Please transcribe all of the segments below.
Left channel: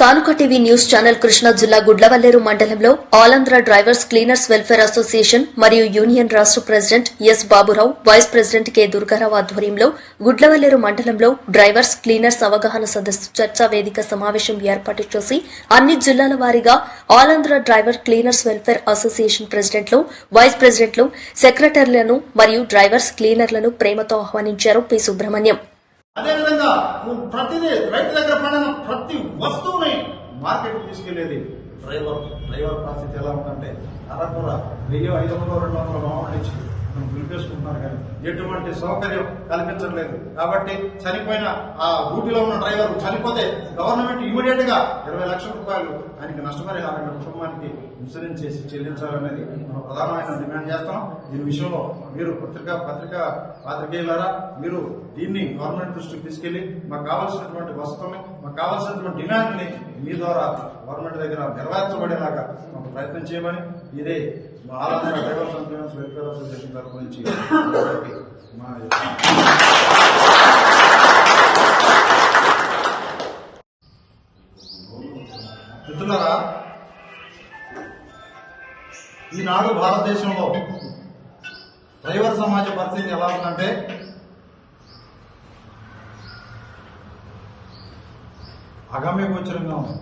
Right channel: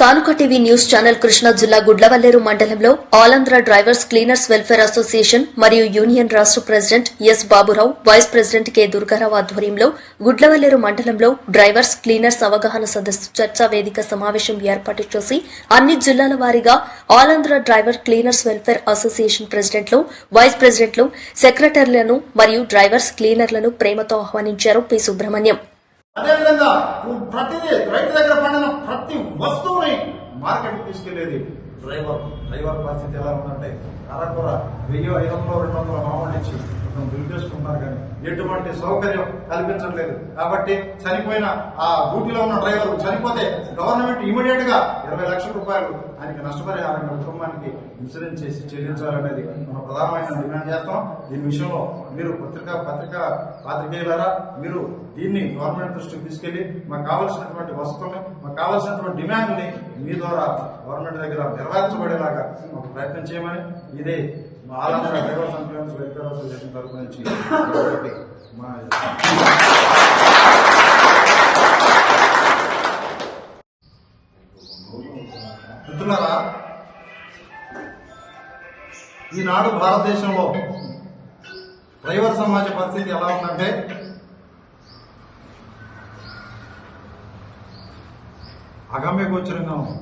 కానుక TV news channel Krishna జిల్లా గుడ్లవల్లేరు మండలంలో ఆల్-ఆంధ్ర డ్రైవర్స్ క్లీనర్స్ వెల్ఫేర్ అసోసియేషన్ మరియు యూనియన్ రాష్ట్ర president yes Baburao, vice president K Durgarao ఆధ్వర్యంలో గుడ్లవల్లేరు మండలంలో డ్రైవర్స్ క్లీనర్స్ అవగాహన సదస్సు చర్చా వేదిక సమావేశం ఏర్పాటు చేసి అన్ని జిల్లాల వారీగా ఆల్-ఆంధ్ర డ్రైవర్ క్లీనర్స్ వెల్ఫేర్ అసోసియేషన్ ప్రెసిడెంట్లు, వైస్ ప్రెసిడెంట్లు, సెక్రటరీలను మరియు డ్రైవర్స్ క్లీనర్లను ప్రేమతో ఆహ్వానించారు పి. సుబ్రహ్మణ్యం. అదేవిధంగా ప్రతిదీ రైతు దగ్గర పండిన ప్రతి వస్తువుని మార్కెట్కి తీసుకెళ్లేది డ్రైవర్ పరిస్థితి ఎలా ఉందంటే అరకొర 1500-200 మామూలు ఇచ్చి అతను దులిపేసుకుంటున్నారు కానీ ఎటువంటి సౌకర్యం కల్పించట్లేదు. కాబట్టి చనిపోయిన ఆ డ్యూటీలో ఉన్న డ్రైవర్ చనిపోతే గవర్నమెంట్ ఇమీడియట్ గా 20 లక్షల రూపాయలు ఆయనకి నష్టపరిహారంగా కుటుంబానికి ఇన్సూరెన్స్ చేసి చెల్లించాలనేది మనం ప్రధానమైన డిమాండ్ చేస్తాం. దీని విషయంలో మీరు పాత్రికేయులారా మీరు దీన్ని గవర్నమెంట్ దృష్టికి తీసుకెళ్లి మాకు కావాల్సినటువంటి వసతుల్ని, మాకు కావాల్సినటువంటి డిమాండ్ని మీ ద్వారా గవర్నమెంట్ దగ్గర నెరవేర్చబడేలాగా ఒక ప్రయత్నం చేయమని ఇదే ఆల్-ఆంధ్ర drivers and cleaners welfare association తరఫు నుంచి మిత్రులారా, ఈనాడు భారతదేశంలో డ్రైవర్ సమాజ పరిస్థితి ఎలా ఉందంటే అగమ్యగోచరంగా ఉంది.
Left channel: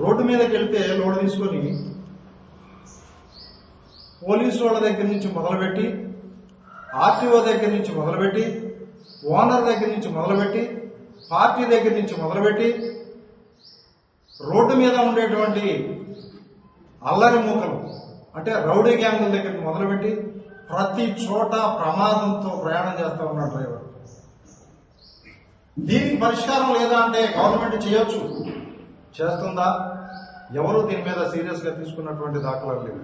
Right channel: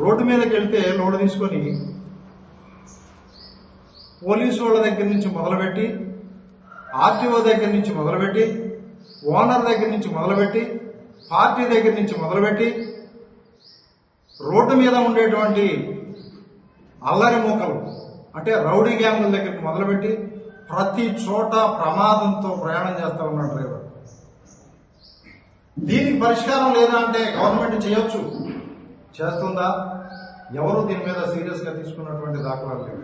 రోడ్డు మీదకి వెళ్తే లోడు తీసుకొని పోలీసు వాళ్ళ దగ్గర నుంచి మొదలుపెట్టి, ఆర్టీఓ దగ్గర నుంచి మొదలుపెట్టి, ఓనర్ దగ్గర నుంచి మొదలుపెట్టి, పార్టీ దగ్గర నుంచి మొదలుపెట్టి, రోడ్డు మీద ఉండేటువంటి అల్లరి మూకలు అంటే రౌడీ గ్యాంగుల దగ్గర మొదలుపెట్టి ప్రతి చోట ప్రమాదంతో ప్రయాణం చేస్తా ఉన్నాడు డ్రైవర్. దీనికి పరిష్కారం లేదా అంటే గవర్నమెంట్ చేయొచ్చు, చేస్తుందా? ఎవరు దీని మీద సీరియస్ గా తీసుకున్నటువంటి దాఖలాలు లేవు.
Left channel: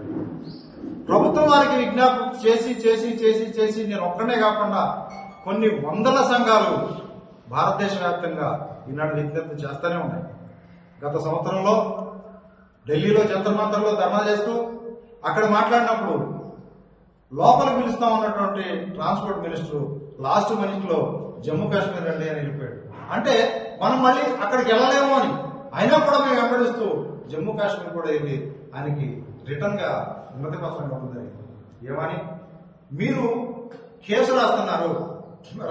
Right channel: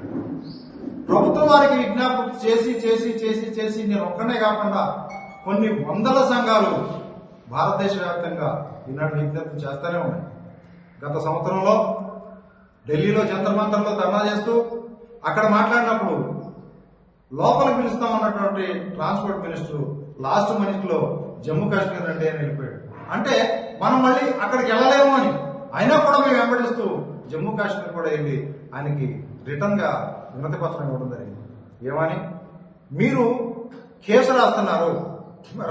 ప్రభుత్వం వారికి విజ్ఞాపన చేసి చేసి చేసి చేసి నేను ఒక్కనే కాకుండా కొన్ని వందల సంఘాలు భారతదేశ వ్యాప్తంగా ఈనాటి విజ్ఞప్తి చేస్తూనే ఉన్నాయి. గత సంవత్సరంలో ఢిల్లీలో జంతర్ మంతర్లో ధర్నా చేస్తూ అక్కడ మాట్లాడినప్పుడు లోపలికి పిలుస్తా ఉన్నటువంటి ట్రాన్స్పోర్ట్ మినిస్టర్ లాస్ట్ మినిట్లో జమ్మూ కాశ్మీర్ రండి అని వెళ్ళిపోయాడు. అంటే మనం మళ్ళీ అక్కడికి వెళ్ళలేము అని అయినా కూడా మేము వెంబడిస్తూ జమ్మూ కాశ్మీర్ కూడా వెళ్ళి ఆయనకి రిటర్న్ గా ఉన్నత పత్రం ఇవ్వడం జరిగింది. ఏమని? మీరు కేసు రాస్తున్నారు,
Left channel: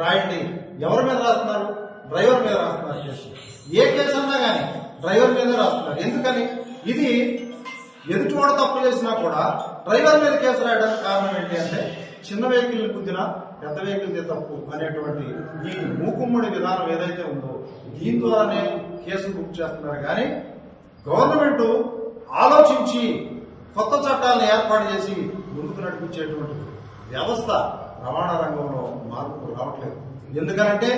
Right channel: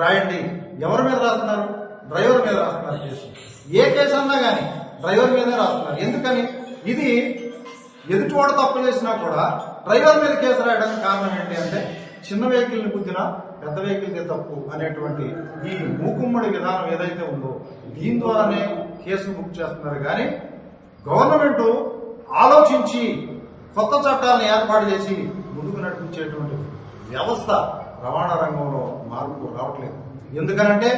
రాయండి. ఎవరి మీద రాస్తున్నారు? డ్రైవర్ మీద రాస్తున్నారు కేసు. ఏ కేసు అన్నా కానీ డ్రైవర్ మీదే రాస్తున్నారు. ఎందుకని? ఇది ఎదుటివాడు తప్పు చేసినా కూడా డ్రైవర్ మీద కేసు రాయడానికి కారణం ఏంటి అంటే చిన్న వెహికల్ని గుద్దినా పెద్ద వెహికల్దే తప్పు అనేటువంటి ఈ మూకుమ్మడి విధానం ఏదైతే ఉందో దీని ద్వారానే కేసులు బుక్ చేస్తున్నారు. కానీ గవర్నమెంట్ ఆలోచించి కొత్త చట్టాలను ఏర్పాటు చేసి ముందుకు నడిపించేటువంటి వ్యవస్థ రవాణా రంగంలో మార్పు రావట్లేదు. ఎందుకనంటే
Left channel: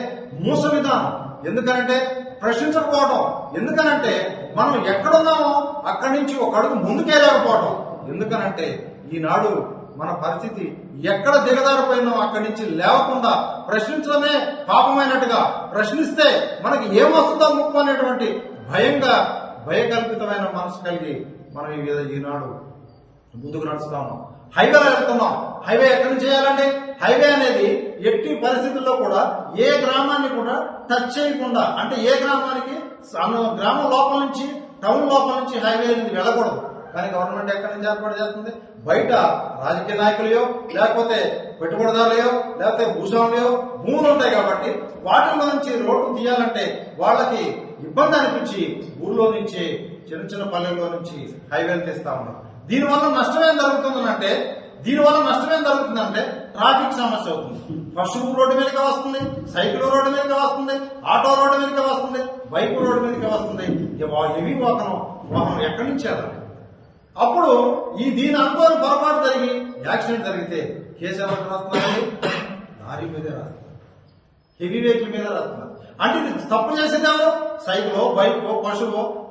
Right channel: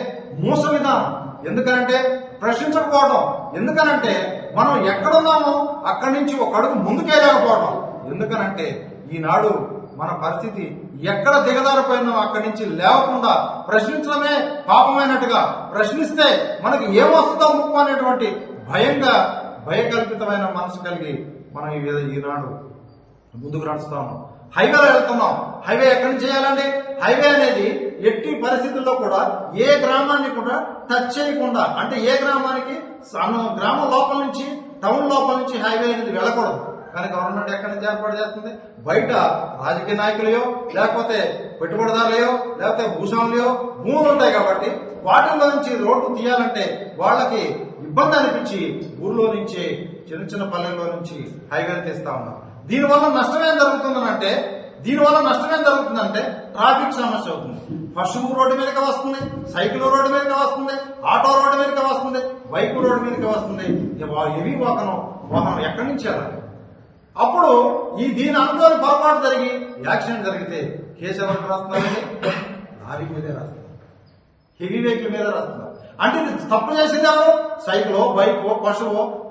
మూస విధానం, ఎందుకనంటే ప్రశ్నించకపోవడం, ఎందుకనంటే మనం ఎక్కడున్నామో అక్కడి నుంచి ఒక అడుగు ముందుకెళ్ళకపోవడం, ఎందుకనంటే ఈనాడు మన పరిస్థితి ఎక్కడ దిగజారిపోయినా అక్కడి నుంచి లేవకుండా ప్రశ్నించడమే పాపమైనట్టుగా, ప్రశ్నిస్తే మనకి ఏమొస్తుందో ముప్పు అనేటువంటి భయకల్పితమైన మనసు కలిగి మనం ఈనాడు ముందుకు నడుస్తా ఉన్నాం. హైవేలో వెళ్తున్నాం. హైవే ఎక్కడి నుంచి చేయాలండి? హైవే అనేది ఎట్టి పరిస్థితుల్లో కూడా ఏ గ్రామాన్ని కూడా టచ్ చేయకుండా, అంటే ఏ గ్రామానికి గ్రామం లోపల నుంచి టౌన్ లోపల నుంచి హైవే అనేది వెళ్ళకూడదు. కానీ గవర్నమెంట్ ఎక్కడి నుంచి ఏర్పాటు చేస్తుంది? బయట రాజకీయ నాయకులయో లేకపోతే పెట్టుబడిదారులయో లేకపోతే భూస్వాములయో భూములు ఉంటాయి కాబట్టి వాటిల్లో నుంచి రోడ్డు తీయాలంటే వాళ్ళకి ఇబ్బంది అనిపించి ఊర్లో నుంచి చిన్న చిన్న పల్లెల్లో నుంచి హైవేలు తీస్తా ఉన్నారు. దీనివల్ల నష్టమేం జరుగుతుందంటే ట్రాఫిక్ సమస్య అవుతుంది. పశువు రోడ్డు మీదకి వస్తుంది, సైకిల్ రోడ్డు మీదకి వస్తుంది, ఆటో రోడ్డు మీదకి వస్తుంది, బైక్ రోడ్డు మీదకి వస్తుంది. హెవీ వాహనం ఎక్కడి నుంచి వెళ్ళాలి? అప్పుడు దీని అనుకోని పొరపాటు జరిగి యాక్సిడెంట్ జరిగితే కేసు ఎవరికి రాస్తున్నారండి? లారీ మీదే రాస్తున్నారు, హెవీ వెహికల్ మీద రాస్తున్నారు. అంటే ఇది తప్పు చేసింది ఎవరు? సైకిలో, బైకో,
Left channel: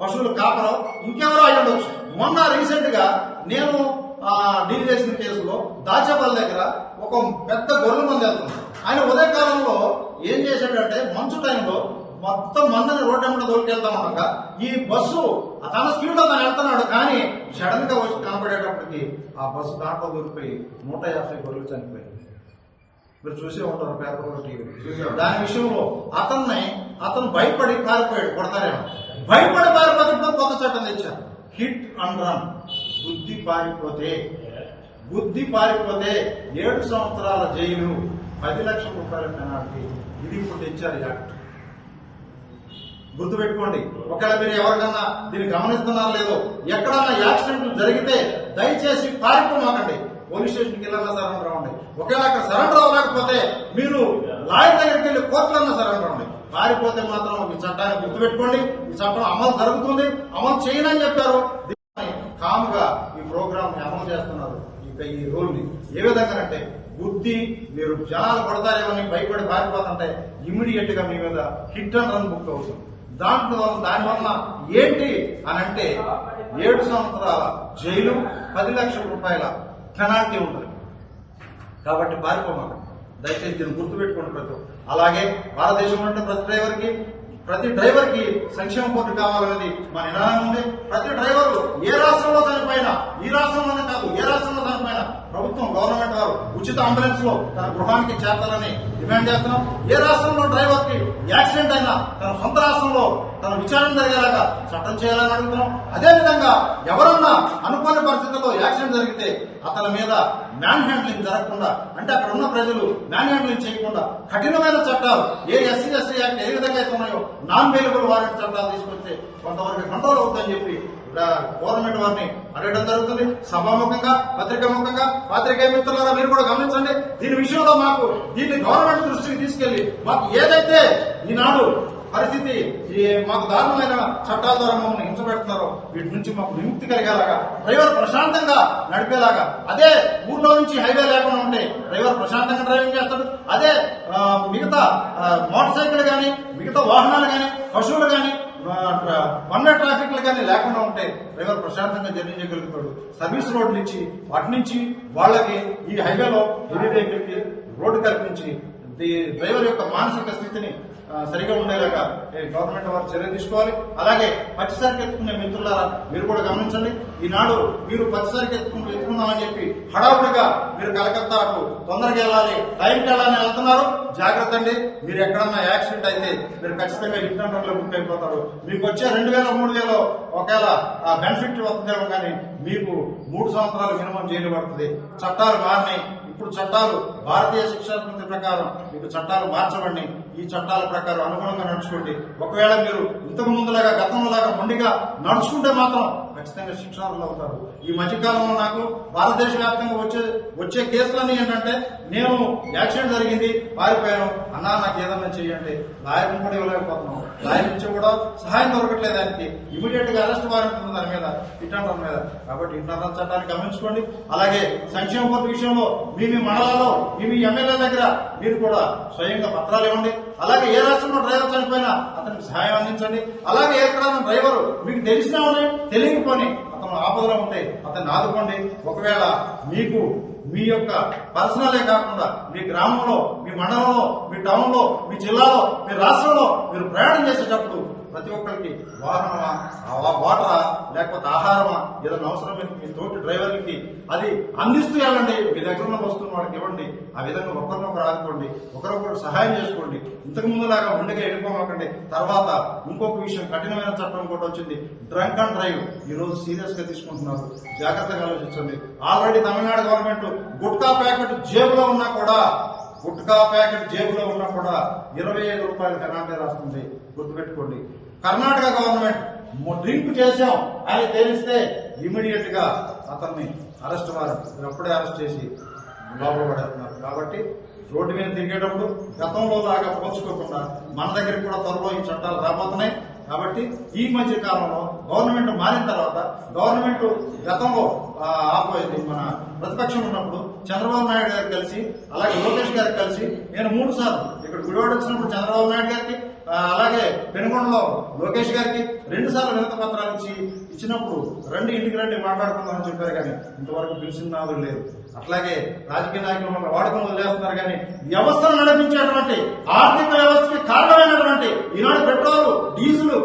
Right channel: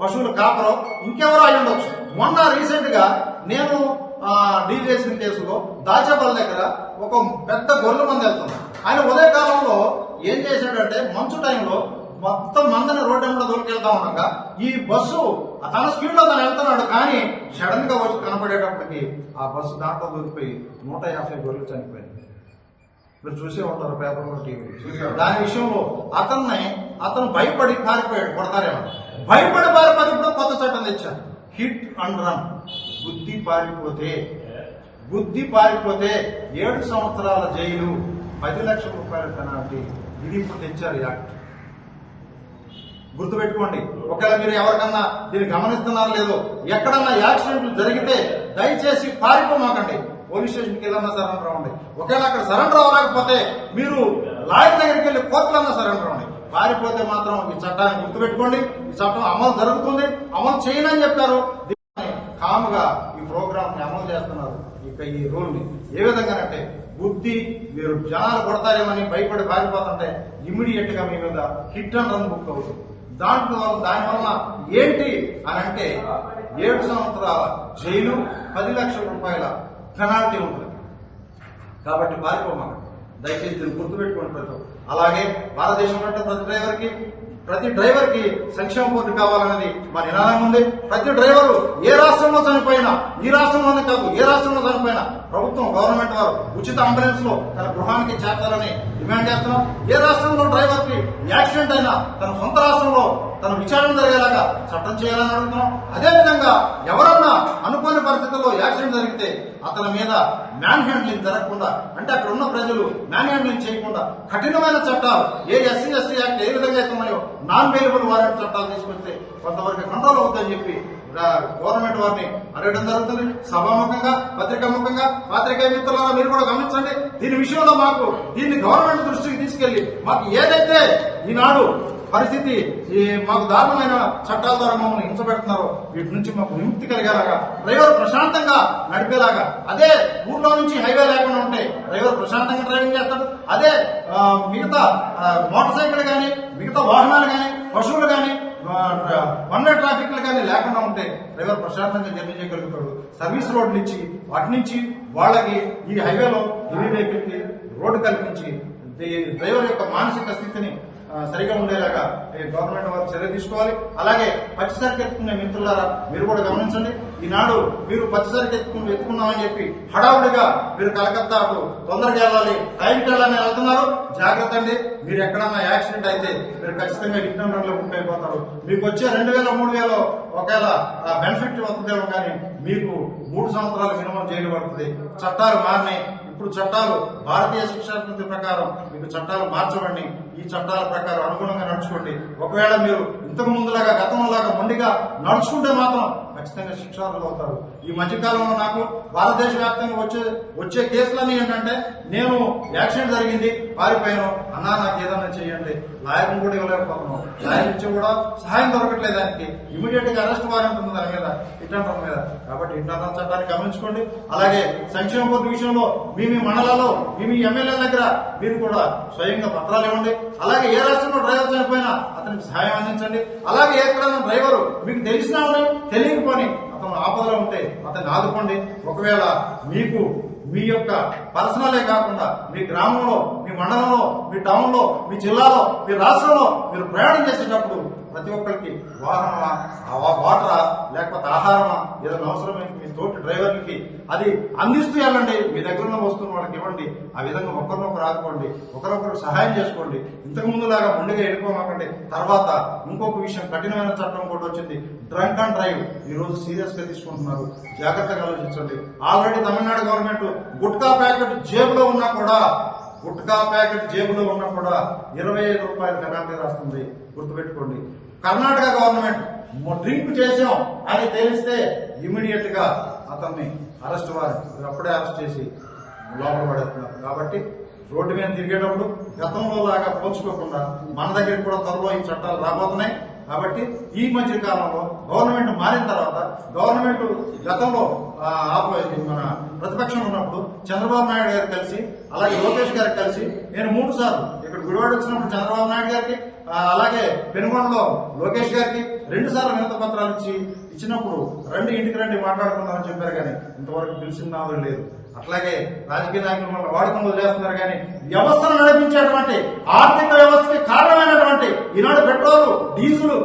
పశువుల కాపరో ఇంకెవరో అయి ఉండొచ్చు. మొన్న రీసెంట్ గా నేను డీల్ చేసిన కేసులో దాచపల్లి దగ్గర ఒక పెద్ద గొర్రెల మంది వెళ్తుంది. ఆయన ఉదయకాలంలో ఏం చేశాడంటే మంచు టైంలో మొత్తం మందని రోడ్డు వెంబడి దోలుకెళ్తా ఉండగా ఈ బస్సు తన స్పీడ్ లో తను వెళ్తున్నాడు. కానీ సడన్ గా వచ్చి కనపడేటప్పటికి ఆ బస్సు దాంట్లో దూరిపోయి 150 గొర్రెలు చనిపోయింది. మీరు చూసే ఉంటారు పేపర్లో, టీవీలో. దాని విషయంలో అతను భయపడి పారిపోయాడు, కొడతారేమో భయపడి పారిపోతే కొత్త చట్టం తెచ్చారు, హిట్ అండ్ రన్. బుద్ధి పారిపోతే 7 సంవత్సరాల జైలు, 10 లక్షల రూపాయల పెనాల్టీ. ఇది ఇప్పుడు తెచ్చారు యాక్ట్. గుర్తుపెట్టుకోండి. ఒకవేళ మీరు ఎవరికన్నా దీన్ని గమనిస్తున్నారో లేదో, ఎక్కడన్నా యాక్సిడెంట్లు జరిగితే దయచేసి పారిపోమాకండి, పోలీస్ స్టేషన్కి వెళ్ళన్నా సరెండర్ అవ్వండి. ఒకవేళ అక్కడ సరెండర్ అవ్వలేకపోతే మీరు లాయర్ దగ్గరికి వెళ్ళి కోర్టులన్నా సరెండర్ అవ్వండి. పారిపోతే మాత్రం ఈ చట్టాన్ని గుర్తుపెట్టుకోండి. ఈ చట్టం అమలు జరుగుతుంది, అమలు చేయనని చెప్పారు. కాముగా ఈ ప్రోగ్రామ్ ని అమలు చేస్తున్నారు. ఇక ఈ రూల్ ని ఏ విధంగానంటే, బుద్ధి మీరు జనాలు కొడతారేమని భయపడి పారిపోతుంటే ఇమ్మీడియట్ గా మీ మీద హిట్ అండ్ రన్ బుక్ అవుతుంది. దానివల్ల ఏంటి అని అంటే 7 సంవత్సరాల జైలు, 10 లక్షల రూపాయల పెనాల్టీ ఉంటుంది. కాబట్టి పారిపోమాకండి, దయచేసి దీన్ని గుర్తుపెట్టుకోండి. అలాగే భారతదేశంలో అంటే ప్రతి డ్రైవర్కి సంక్షేమ బోర్డు కావాలనేది మా నినాదం ఉంది. ప్రతి డ్రైవరు ఏ రాష్ట్రంలో చనిపోయినా, ఈ రాష్ట్రంలోనే కాదు ఏ రాష్ట్రంలో చనిపోయినా ప్రభుత్వం, గవర్నమెంట్ వారు ఉచిత అంబులెన్స్ లో తన గృహానికి చేర్చాలని డిమాండ్ చేస్తున్నాం. ఏ రాష్ట్రంలో డ్రైవర్ కి యాక్సిడెంట్ అయినా తన సొంత రాష్ట్రంలో తన విచారణ జరిగేలాగా చట్టం చేయాలని అడుగుతున్నాం. అదేవిధంగా ఎవరన్నా అనుకోని పరిస్థితుల్లో యాక్సిడెంట్ జరిగితే అతని మీద మ్యాన్ హ్యాండ్లింగ్ జరగకుండా, అంటే అక్కడ ఉన్న ప్రజలు మ్యాన్ హ్యాండ్లింగ్ చేయకుండా కఠినమైన చట్టాలు, ఏ ఎస్సీ ఎస్టీ యాక్ట్ ఏ విధంగా అయితే ఉన్నాయో నాన్ బెయిలబుల్ వారెంట్ చట్టాలు తీసుకొస్తే కొంతవరకు కంట్రోల్ అవుతుందని చెప్పి గవర్నమెంట్ వారిని అడగడం జరుగుతుంది. సభాముఖంగా, పత్రికాముఖంగా, పాత్రికేయ మిత్రులారా మీరు కూడా గమనించండి. దీని విషయంలో దీన్ని గవర్నమెంట్ దృష్టికి తీసుకెళ్లి మాకు ఏదైతే ఈనాడు పరిస్థితి మాకు దారుణమైన చట్టాల ద్వారా మమ్మల్ని హింసపెడుతున్నారో వీటి నుంచి మాకు విముక్తి కలిగేలాగా, డ్రైవర్ ప్రశాంతంగా నడిపేలాగా, అదే ఊర్లో నుంచి హైవే లేకుండా ఉంటే డ్రైవర్ ప్రశాంతంగా డ్రైవింగ్ చేస్తాడు. అదే మిగతా మోటార్ సైకిల్ కానీ, మిగతా వాహనాలు కానీ, పశువులు కానీ, వన్ వే ట్రాఫిక్లు కానీ లేకుండా ఉంటే డ్రైవర్ ప్రశాంతంగా జర్నీ చేయగలుగుతాడు. సర్వీస్ రోడ్లు ఇచ్చి వాటి నుంచి వాళ్ళకి ఈ హైవేలో హెవీ వెహికల్ కి రోడ్డు కల్పించి డ్రైవర్ యొక్క మానసిక స్థితిని సరిగా ఉండేలాగా గవర్నమెంట్ వారు చర్య తీసుకోవాలి. అలాగే పచ్చిసరికి ఎత్తుకునే మిత్రులారా మీరు కూడా గమనించండి. ఈనాడు మీరు పచ్చిసరికి ఎత్తుకున్నామని చెప్పి హడావుడిగా మీరు కలకత్తా అటు తొందరగా వెళ్ళాలి, టైంకి వెళ్ళాలని వెళ్తున్నారు. జాగ్రత్త అండి, మీరు ఎక్కడన్నా యాక్సిడెంట్ అయితే మీరు ఖచ్చితంగా హిట్ అండ్ రన్ లో బుక్ అయిపోతారు. మీకు వచ్చే 2000, 3000 ఒకవేళ బెనిఫిట్ వస్తుందేమో కానీ మీకు 3 సంవత్సరాలు మినిమం జైలు పడుతుంది. చట్టాలు మారినాయి. ఇప్పుడు చట్టాలు భారతీయ శిక్షా స్మృతి ప్రకారం మీకు చట్టాలు మార్చబడి ఈ చట్టాల ప్రకారం అనుగుణంగా నడుచుకోండి. ఒకవేళ మీరు ఇంతకు ముందులాగా గతంలోలాగా మొండిగా నడుచుకుంటే మాత్రం ఖచ్చితంగా శిక్షార్హులు అవుతారు. ఈ మధ్యకాలంలో నాకు భారతదేశ వ్యాప్తంగా వచ్చే కేసులన్నీ ఏంటంటే, నేను యాక్సిడెంట్ జరిగింది, పారిపోయాను, అన్నా నాకు ఏదన్నా చేయండి, లాయర్ని కూడా ఇవ్వలేకపోతున్నాం, లాయర్ ఇచ్చి కూడా సహాయం దొరకట్లేదు. దానికి ఇమీడియట్ గా అరెస్ట్ వారెంట్ ఉంది దాని మీద, హిట్ అండ్ రన్ మీద. కాబట్టి హిట్ అండ్ రన్ చట్టాన్ని గమనించుకోండి. అలాగే సంక్షేమ బోర్డు విషయంలో మీ మండలాల్లో మీ ఎమ్మెల్యేల దగ్గర మీరు కూడా స్వయంగా పత్రాలు ఇవ్వండి. అలాగే ఏ రాష్ట్రంలో డ్రైవర్ చనిపోయినా అతనికి సహాయం అందించండి. అలాగే ఎక్కడైనా డ్రైవరు మీకు తెలిసినా ఉన్నాయి, తెలియకపోని అతను ఆపదలో ఉంటే అతన్ని ఆదుకోండి. ఒకవేళ మీకు మీ యొక్క పర్సనలే కాకుండా మీ గ్రామంలో, మీ మండలంలో, మీ టౌన్లో, మీ జిల్లాలో, మీ రాష్ట్రంలో మీరు ప్రయాణం చేసేటప్పుడు ప్రతి ఒక్కరికి వాహనమా, వాటరా, లేకపోతే ఆహారమా, ఏదైనా అవసరమైతే మీ తోటి డ్రైవర్లకి అది అందిస్తూ వెళ్ళండి. మీ దగ్గర ఉన్న వస్తువును వాళ్ళకి ఇవ్వండి. ఆ విధంగా ఒకరినొకరు ఆదుకోండి, ఒకరొకరు సహాయం చేసుకోండి. ఇంతకు ముందులాగా మొండిగా వెళ్ళిపోమాకండి. తర్వాత ఇంకొక విషయం, కఠినమైన చట్టం కూడా వచ్చింది, డ్రంక్ అండ్ డ్రైవ్. ఈ రోజు సీరియస్ గా తీసుకుంటున్నారు, జాగ్రత్తగా ఆలోచించండి. Already Tamil Nadu government gutka packet జేబులో ఉన్నా కూడా 25 రూపాయల పెనాల్టీ రాస్తుంది. గుర్తుపెట్టుకోండి. కర్ణాటక గవర్నమెంట్ డ్రింక్ చేశాం అని తెలిస్తే ఇమీడియట్ గా అతన్ని అరెస్ట్ వారెంట్ అప్పుడే అరెస్ట్ చేసి లోపల పడేస్తున్నారు. కాబట్టి రోడ్డు మీద తిరిగేటప్పుడు గతంలో లాగా పోల్చుకోకుండా మన దగ్గరికి కూడా త్వరలో ఈ చట్టాలు రాబోతున్నాయి. కాబట్టి ఈ మధ్య కాలంలో గవర్నమెంట్ మారిన తర్వాత, గవర్నమెంట్ గతంలో మన ప్రతిపక్షం ఉన్నప్పుడు చంద్రబాబు నాయుడు గారు కలిసి, అలాగే లోకేష్ గారికి కలిసి, నేను 3 సార్లు ఇక్కడ గుడివాడ వచ్చినప్పుడు చంద్రబాబు నాయుడు గారికి, అలాగే పెనుగొండలో లోకేష్ గారికి 2 సార్లు వినతి పత్రాలు ఇచ్చినప్పుడు రండి, ఇంటికి రండి, మాట్లాడుకుందామని చెప్పారు. కానీ ఇంతవరకు పిలిచిన నాదులు లేదు. అట్లాగే రాజకీయ నాయకులు మన వాడుకొని వదిలేస్తున్నారు. కానీ వ్యవస్థను నడిపించేటువంటి ఆర్థిక వ్యవస్థకి కారణమైనటువంటి ఈనాడు పెట్రోలు, డీజిల్